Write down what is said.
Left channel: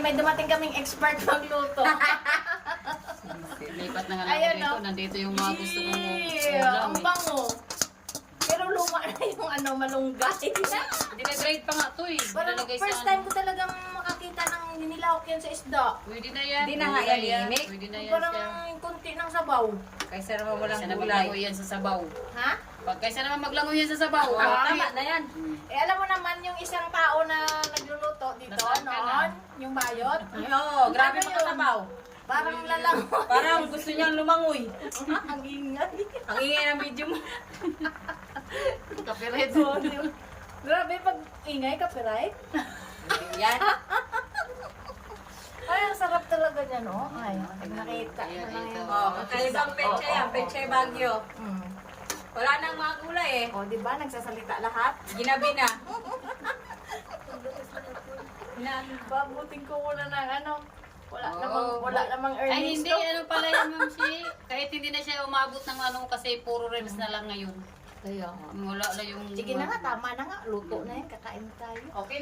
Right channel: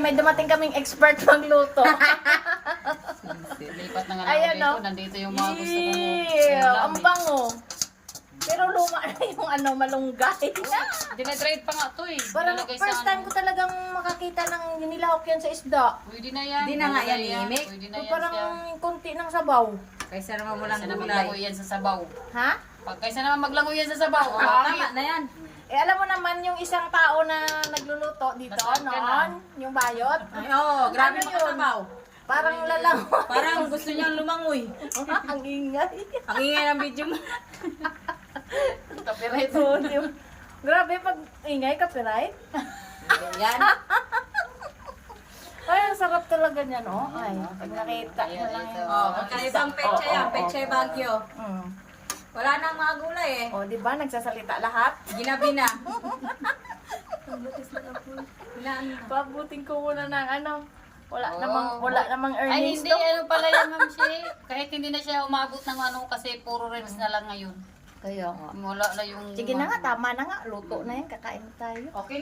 may dumating kaming expert magluto. Lipat na nga lang Ayan, ako dito. no? Nandito yung mga gusto kong Ang bango. Pero luma na yung malunggay. Dinagrade pa nga to eh. Parang Dinalagay sa first time ko talagang makakita ng hinilahok yan sa isda. Pwede na yan. Hindi na nga Pwede yan, Imik. Pwede na yan Parang siya. kunti ng sabaw. Kaysa naman mo lang Kaysa na gulay. maglangoy yan sa sabaw. Ha? Pag kaysa naman maglangoy yan sa sabaw. Tama na yan. Eh alam mo naman yung isang tao na nagluluto dito Nasaan ka noon, yung bayot. Ay, oo, grabe Ano mga yun? tabaw. Parang lalangoy. Parang gusto niyang lumangoy. Ang ingay. Ang ingay ng video mo. Copyright. Grabe pag ingay copyright. Yan. Ay, ang sarap talaga niya, no? Ay, pag nakita mo lang Ito. yung... Oh, magkaibang petsa yan. Petsa Baguio. Mm. Wala nang mga gulay eh. O, di ba? Nagsasalita lahat. Ginabi na. Pabuting ko muna ng ano. Wala Oh, namang Ay, earnings hindi. to. Ano pala yan, Ma'am Shi? Kahit hindi na siya umabot ng ano kasi puro reels na lang ngayon. Kaya, Wala na yung... sige na nga, tama na nga. Luto na yan, kakain tayo. Okay na